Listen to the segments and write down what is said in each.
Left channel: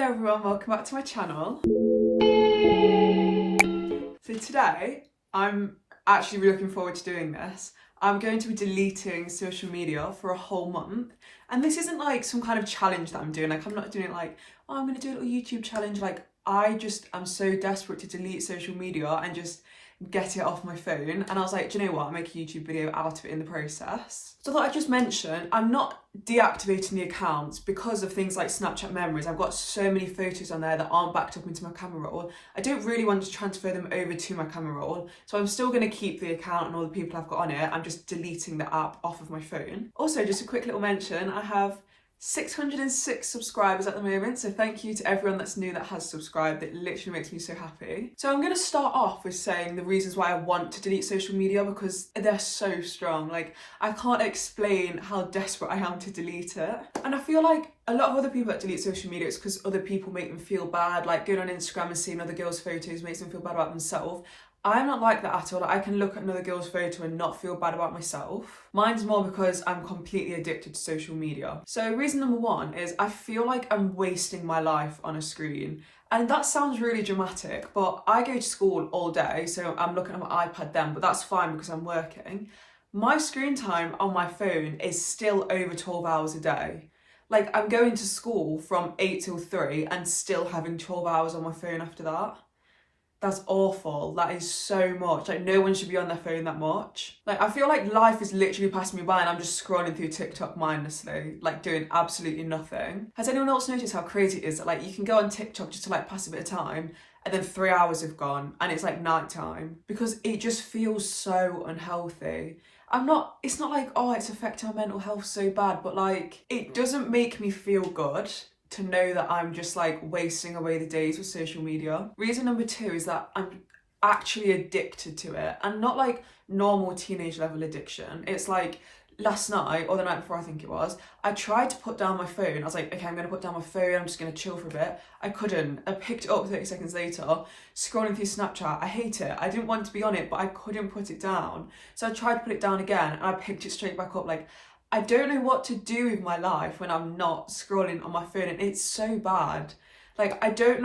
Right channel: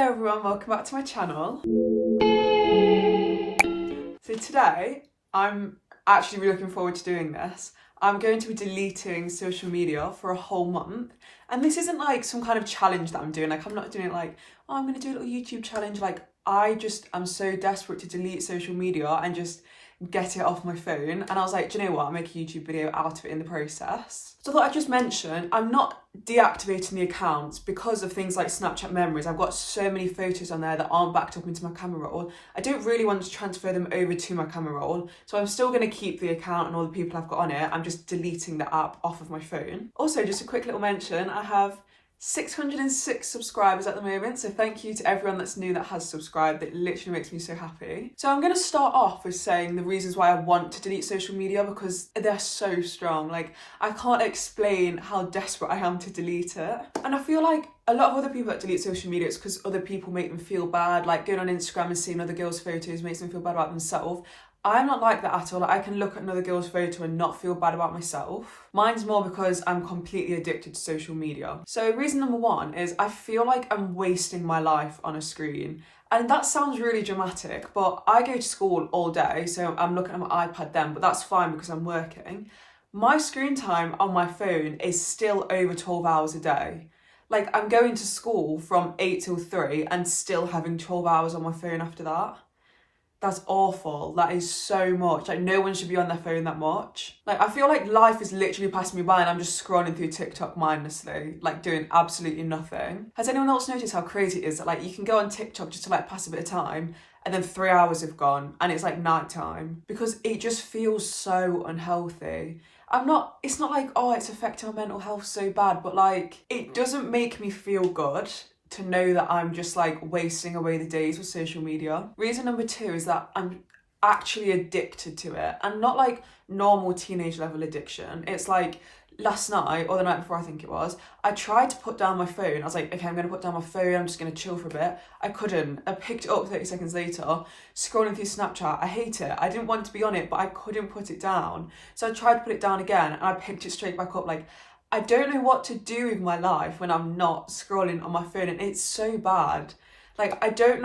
Hello everyone, welcome back to my channel. So today, I'm actually really looking forward to doing this. I'm going to be deleting social media for a whole month. And this isn't like some kind of challenge that I'm doing. Like I'm not doing it like, oh, I'm gonna do a little YouTube challenge. Like I'm so desperate to delete social media and just get it off my phone. And I was like, do you know what? I'll make a YouTube video out of it in the process. So I thought I'd just mention, I'm not deactivating the accounts because of things like Snapchat memories. I've got so many photos on there that aren't backed up into my camera roll. I don't really want to transfer them over to my camera roll. So I'm still going to keep the account and all the people I've got on it. I'm just deleting the app off of my phone. Also, just a quick little mention, I have 606 subscribers at the moment, so thank you to everyone that's new that has subscribed. It literally makes me so happy. So I'm going to start off with saying the reasons why I want to delete social media, because they're so strong. Like, I can't explain how desperate I am to delete it. And I feel like a lot of other people that delete social media, it's because other people make them feel bad. Like going on Instagram and seeing other girls' photos makes them feel bad about themselves. I'm not like that at all. Like, I can look at another girl's photo and not feel bad about myself. Mine's more because I'm completely addicted to social media. So reason number one is I feel like I'm wasting my life on a screen. And that sounds really dramatic, but I go to school all day, so I'm looking at my iPad then, but that's fine because I'm working. My screen time on my phone is still over 12 hours a day. Like, I'm going to school from 8 till 3 and still having 12 hours on my phone after that. That's awful. That is so much. Like, no one should be on their phone that much. Like, I feel like life is literally passing me by and I'm just scrolling through TikTok mindlessly, like doing absolutely nothing. Has anyone else noticed how crazy it is that like you can go on TikTok just to like pass a bit of time and then 3 hours have gone and it's like night time? Because it just feels so unhealthy. It's not like, oh, it's affecting my mental health so bad, but like, it doesn't make me feel good to know that I'm just like wasting away the days with social media. Reason number two is that I'm actually addicted to it, and not like normal teenage level addiction. It's like last night or the night before, I think it was, I tried to put down my phone. I was like, okay, I'm gonna put down my phone, I'm just gonna chill for a bit. I couldn't. I picked it up 30 seconds later, scrolling through Snapchat. I hate it. I didn't want to be on it, but I couldn't put it down. So I tried to put it down again and I picked it straight back up. Like, I don't know what to do with my life when I'm not scrolling on my phone, and it's so bad. Like, I don't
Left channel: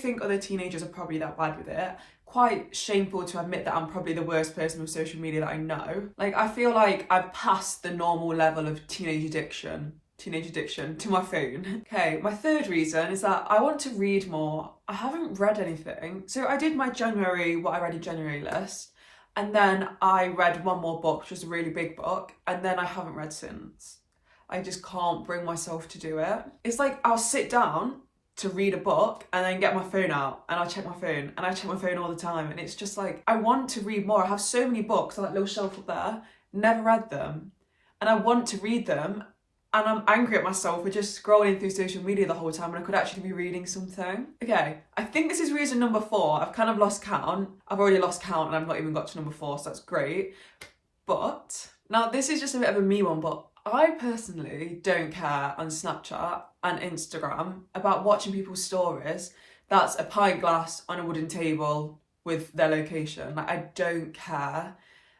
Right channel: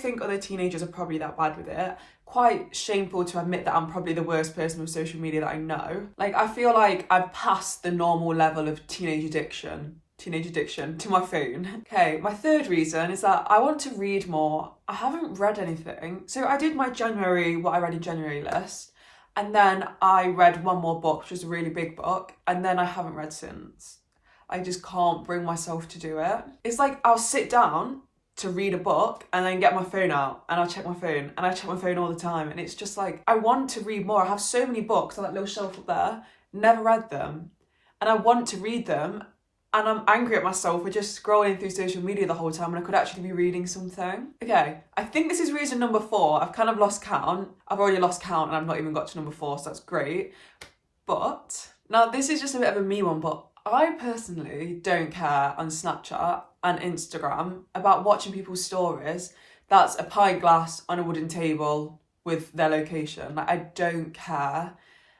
think other teenagers are probably that bad with it. Quite shameful to admit that I'm probably the worst person with social media that I know. Like, I feel like I've passed the normal level of teenage addiction to my phone. Okay, my third reason is that I want to read more. I haven't read anything. So I did my what I read in January list. And then I read one more book, which was a really big book, and then I haven't read since. I just can't bring myself to do it. It's like I'll sit down to read a book and then get my phone out and I'll check my phone, and I check my phone all the time, and it's just like, I want to read more. I have so many books on that little shelf up there, never read them, and I want to read them, and I'm angry at myself for just scrolling through social media the whole time when I could actually be reading something. Okay, I think this is reason number 4. I've kind of lost count. I've already lost count and I've not even got to number 4, so that's great. But now this is just a bit of a me one, but I personally don't care on Snapchat and Instagram about watching people's stories that's a pint glass on a wooden table with their location. Like, I don't care.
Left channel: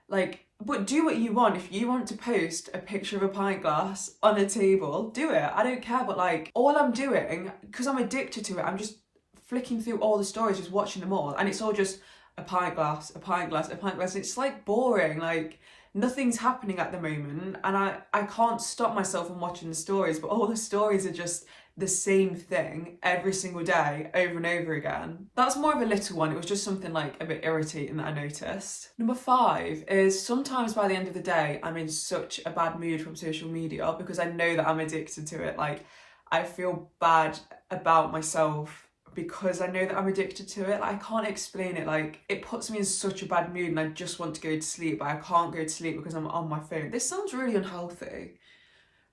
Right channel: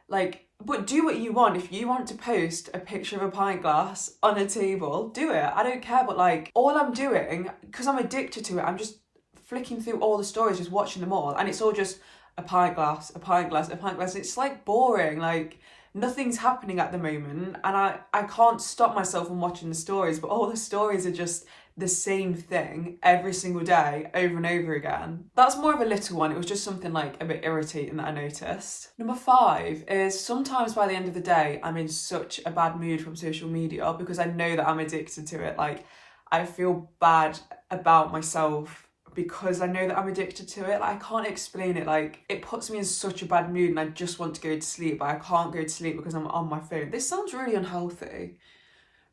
Like, but do what you want. If you want to post a picture of a pint glass on a table, do it. I don't care. But like, all I'm doing, because I'm addicted to it, I'm just flicking through all the stories, just watching them all. And it's all just a pint glass, a pint glass, a pint glass. It's like boring. Like, nothing's happening at the moment. And I can't stop myself from watching the stories, but all the stories are just the same thing every single day, over and over again. That's more of a little one. It was just something like a bit irritating that I noticed. Number 5 is sometimes by the end of the day, I'm in such a bad mood from social media because I know that I'm addicted to it. Like, I feel bad about myself because I know that I'm addicted to it. Like, I can't explain it. Like, it puts me in such a bad mood and I just want to go to sleep, but I can't go to sleep because I'm on my phone. This sounds really unhealthy.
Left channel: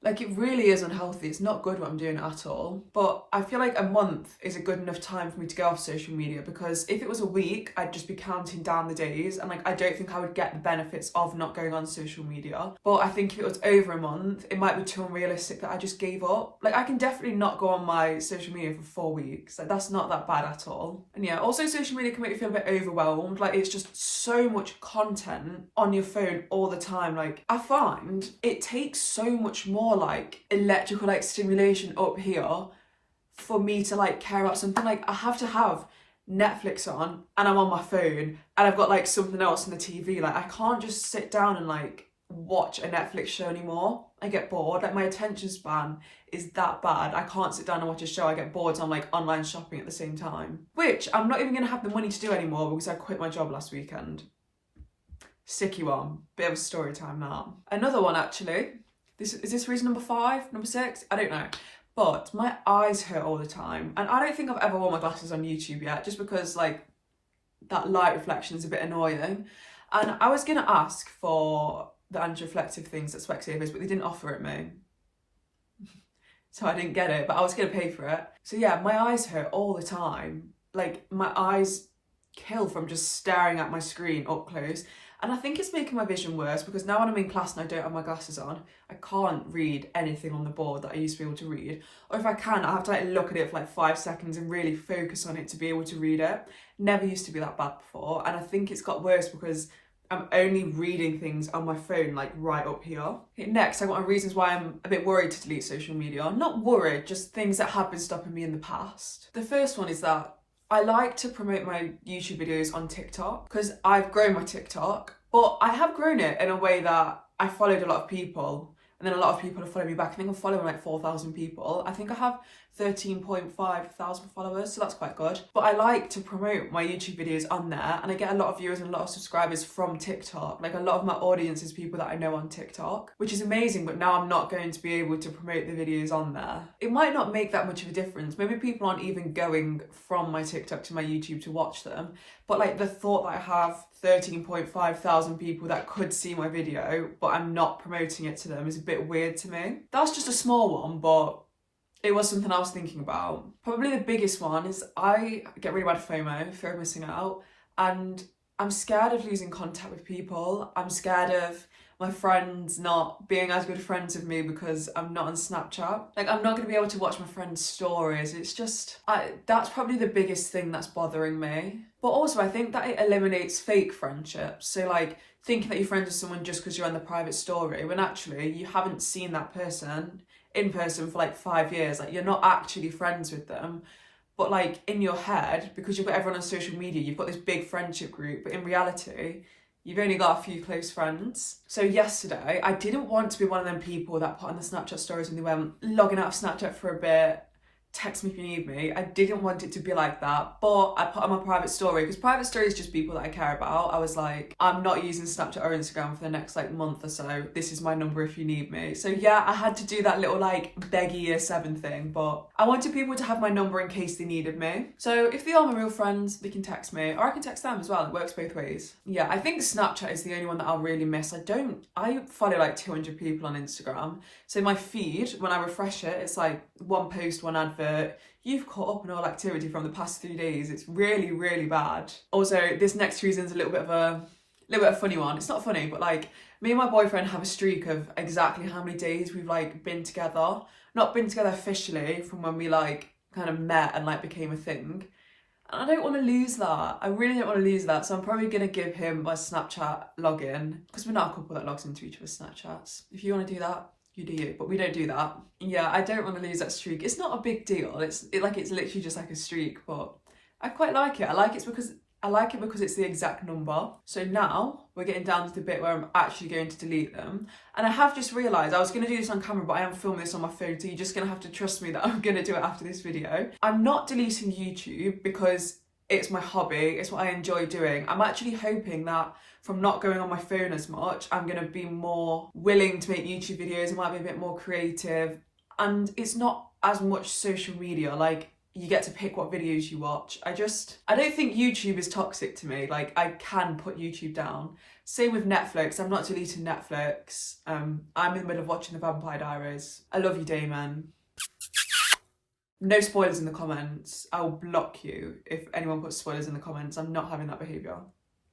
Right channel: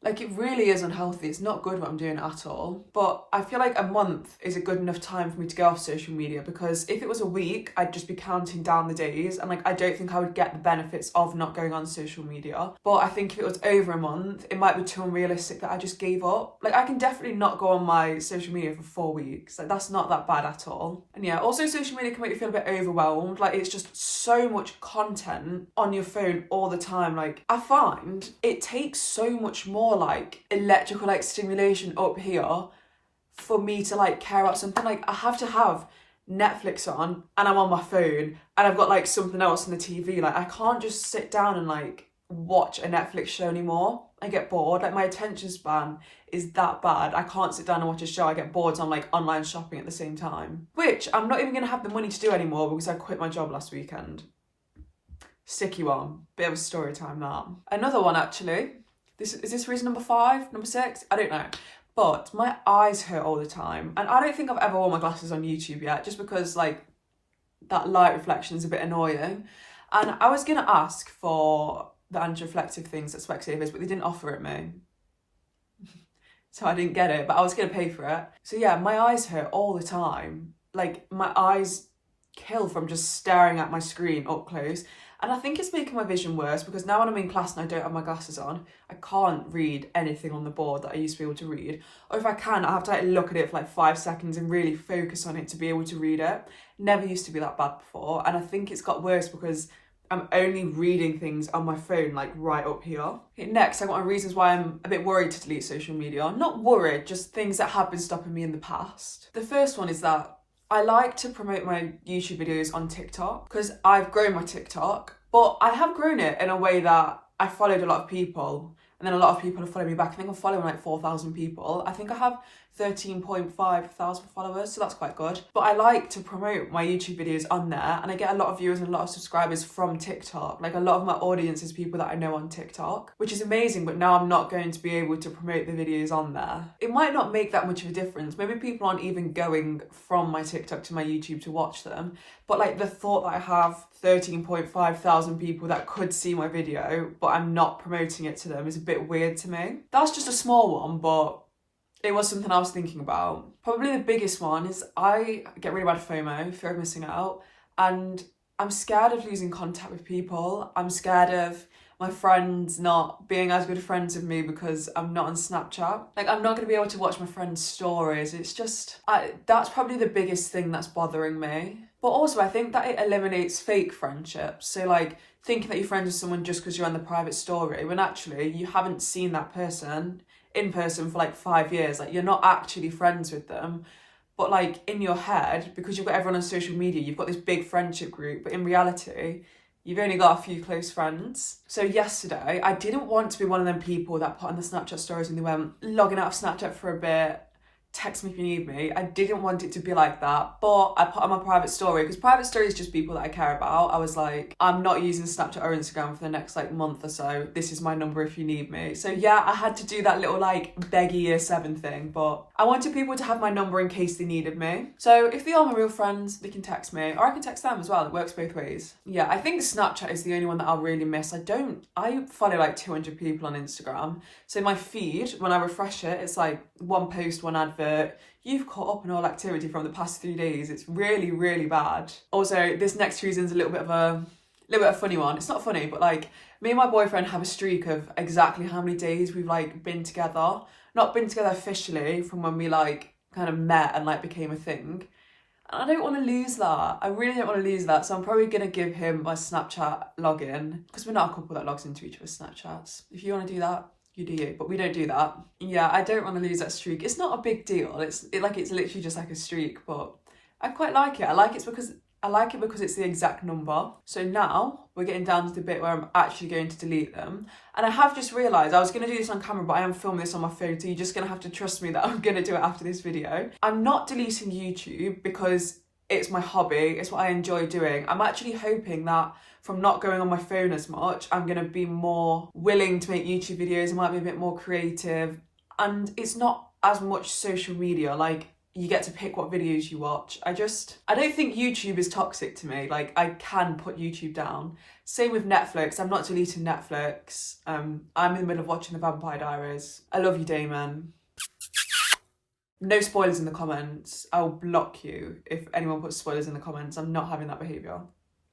Like, it really is unhealthy. It's not good what I'm doing at all. But I feel like a month is a good enough time for me to go off social media, because if it was a week, I'd just be counting down the days. And like, I don't think I would get the benefits of not going on social media. But I think if it was over a month, it might be too unrealistic that I just gave up. Like, I can definitely not go on my social media for 4 weeks. Like, that's not that bad at all. And yeah, also social media can make you feel a bit overwhelmed. Like, it's just so much content on your phone all the time. Like, I find it takes so much more like electrical like stimulation up here for me to like care about something. Like I have to have Netflix on and I'm on my phone and I've got like something else on the TV. Like I can't just sit down and like watch a Netflix show anymore. I get bored. Like my attention span is that bad. I can't sit down and watch a show. I get bored, so I'm like online shopping at the same time, which I'm not even gonna have the money to do anymore because I quit my job last weekend. Sticky one. Bit of a story time now. Another one actually. Is this reason number 5, number 6? I don't know. But my eyes hurt all the time. And I don't think I've ever worn my glasses on YouTube yet, just because like that light reflection is a bit annoying. And I was gonna ask for the anti-reflective things at Specsavers, but they didn't offer it me. So I didn't get it, but I was gonna pay for it. So yeah, my eyes hurt all the time. Like my eyes kill from just staring at my screen up close. And I think it's making my vision worse because now when I'm in class and I don't have my glasses on, I can't read anything on the board that I used to be able to read. Or if I can, I have to like look at it for like 5 seconds and really focus on it to be able to read it. Never used to be that bad before. And I think it's got worse because I'm only reading things on my phone, like right up here. Okay, next, I got my reasons why I'm a bit worried to delete social media. Not worried, just things that have been stopping me in the past. The first one is that I like to promote my YouTube videos on TikTok because I've grown my TikTok, but I have grown it in a way that I followed a lot of people and then a lot of people have followed me back. I think I'm following like 4,000 people. I think I have 13.5 thousand followers, so that's quite good. But I like to promote my YouTube videos on there and I get a lot of viewers and a lot of subscribers from TikTok. Like a lot of my audience is people that I know on TikTok, which is amazing, but now I'm not going to be able to promote the videos on there. It might not make that much of a difference. Maybe people aren't even going from my TikTok to my YouTube to watch them, but like the thought that I have 13.5 thousand people that could see my video, but I'm not promoting it to them is a bit weird to me. That's just a small one, but it was something I was thinking about. Probably the biggest one is I get really bad FOMO, fear of missing out, and I'm scared of losing contact with people. I'm scared of my friends not being as good friends with me because I'm not on Snapchat. Like I'm not gonna be able to watch my friends' stories. It's just, that's probably the biggest thing that's bothering me. But also I think that it eliminates fake friendships. So like thinking that you're friends with someone just because you're on the private story when actually you haven't seen that person in person for like 5 years. Like you're not actually friends with them, but like in your head, because you've got everyone on social media, you've got this big friendship group, but in reality you've only got a few close friends. So yesterday I didn't want to be one of them people that put on the Snapchat stories and they went logging out of Snapchat for a bit, text me if you need me. I didn't want it to be like that, but I put on my private story because private story is just people that I care about. I was like, I'm not using Snapchat or Instagram for the next like month or so. This is my number if you need me. So yeah, I had to do that little like beggy year 7 thing, but I wanted people to have my number in case they needed me. So if they are my real friends, they can text me or I can text them as well. It works both ways. Yeah, I think Snapchat is the only one that I'll really miss. I follow like 200 people on Instagram. So my feed, when I refresh it, it's like one post, one advert. You've caught up on all activity from the past 3 days. It's really, really bad. Also, this next reason's a little bit of a funny one. It's not funny, but like me and my boyfriend have a streak of exactly how many days we've like been together. Not been together officially from when we like kind of met and like became a thing. And I don't want to lose that. I really don't want to lose that. So I'm probably going to give him my Snapchat login because we're not a couple that logs into each other's Snapchats. If you want to do that, you do you, but we don't do that. Yeah, I don't want to lose that streak. It's not a big deal. It's literally just like a streak, but I quite like it. I like it because it's the exact number. So now we're getting down to the bit where I'm actually going to delete them. And I have just realised I was going to do this on camera, but I am filming this on my phone, so you're just going to have to trust me that I'm going to do it after this video. I'm not deleting YouTube because it's my hobby. It's what I enjoy doing. I'm actually hoping that from not going on my phone as much, I'm going to be more willing to make YouTube videos. I might be a bit more creative. And it's not as much social media. Like, you get to pick what videos you watch. I don't think YouTube is toxic to me. Like, I can put YouTube down. Same with Netflix. I'm not deleting Netflix. I'm in the middle of watching The Vampire Diaries. I love you, Damon. No spoilers in the comments. I'll block you if anyone puts spoilers in the comments. I'm not having that behaviour.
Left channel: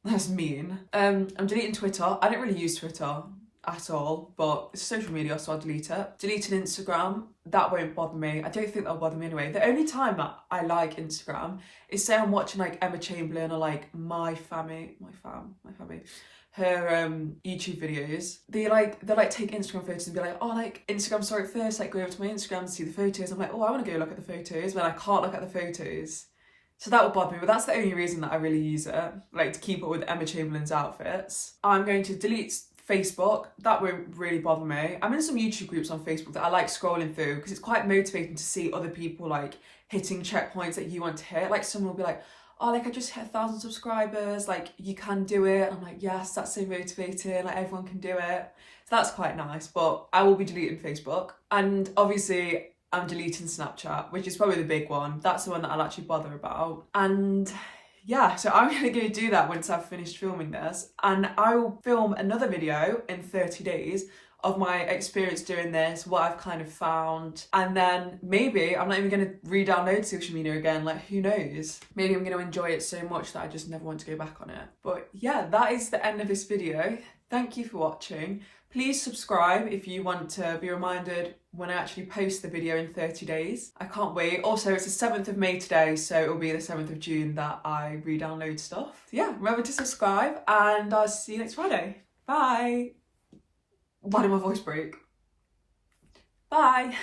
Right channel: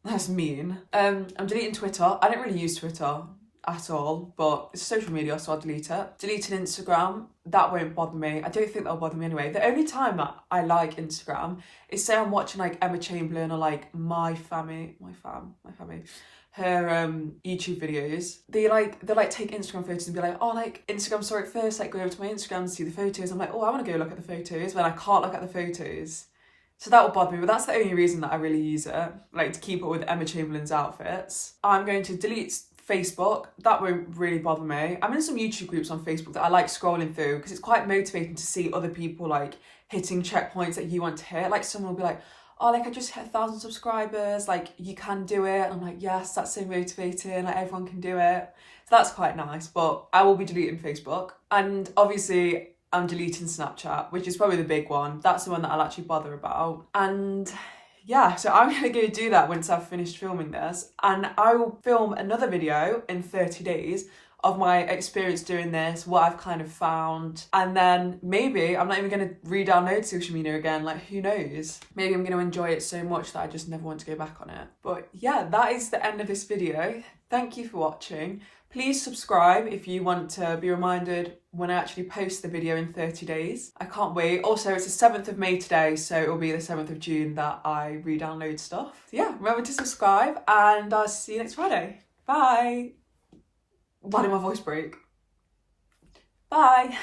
That's mean. I'm deleting Twitter. I don't really use Twitter. at all, but it's social media, so I'll delete it. Deleting Instagram, that won't bother me. I don't think that'll bother me anyway. The only time that I like Instagram is say I'm watching like Emma Chamberlain or like my family, her YouTube videos. They'll like take Instagram photos and be like, oh, like Instagram story first, like go over to my Instagram and see the photos. I'm like, oh, I want to go look at the photos, but I can't look at the photos. So that will bother me, but that's the only reason that I really use it, like to keep up with Emma Chamberlain's outfits. I'm going to delete Facebook. That won't really bother me. I'm in some YouTube groups on Facebook that I like scrolling through because it's quite motivating to see other people like hitting checkpoints that you want to hit. Like someone will be like, oh, like I just hit 1,000 subscribers, like you can do it. I'm like, yes, that's so motivating, like everyone can do it. So that's quite nice, but I will be deleting Facebook. And obviously I'm deleting Snapchat, which is probably the big one. That's the one that I'll actually bother about. And yeah, so I'm gonna go do that once I've finished filming this, and I will film another video in 30 days of my experience doing this, what I've kind of found, and then maybe I'm not even gonna re-download social media again, like who knows? Maybe I'm gonna enjoy it so much that I just never want to go back on it. But yeah, that is the end of this video. Thank you for watching. Please subscribe if you want to be reminded when I actually post the video in 30 days. I can't wait. Also, it's the 7th of May today, so it'll be the 7th of June that I re-download stuff. So yeah, remember to subscribe and I'll see you next Friday. Bye. Why did my voice break? Bye.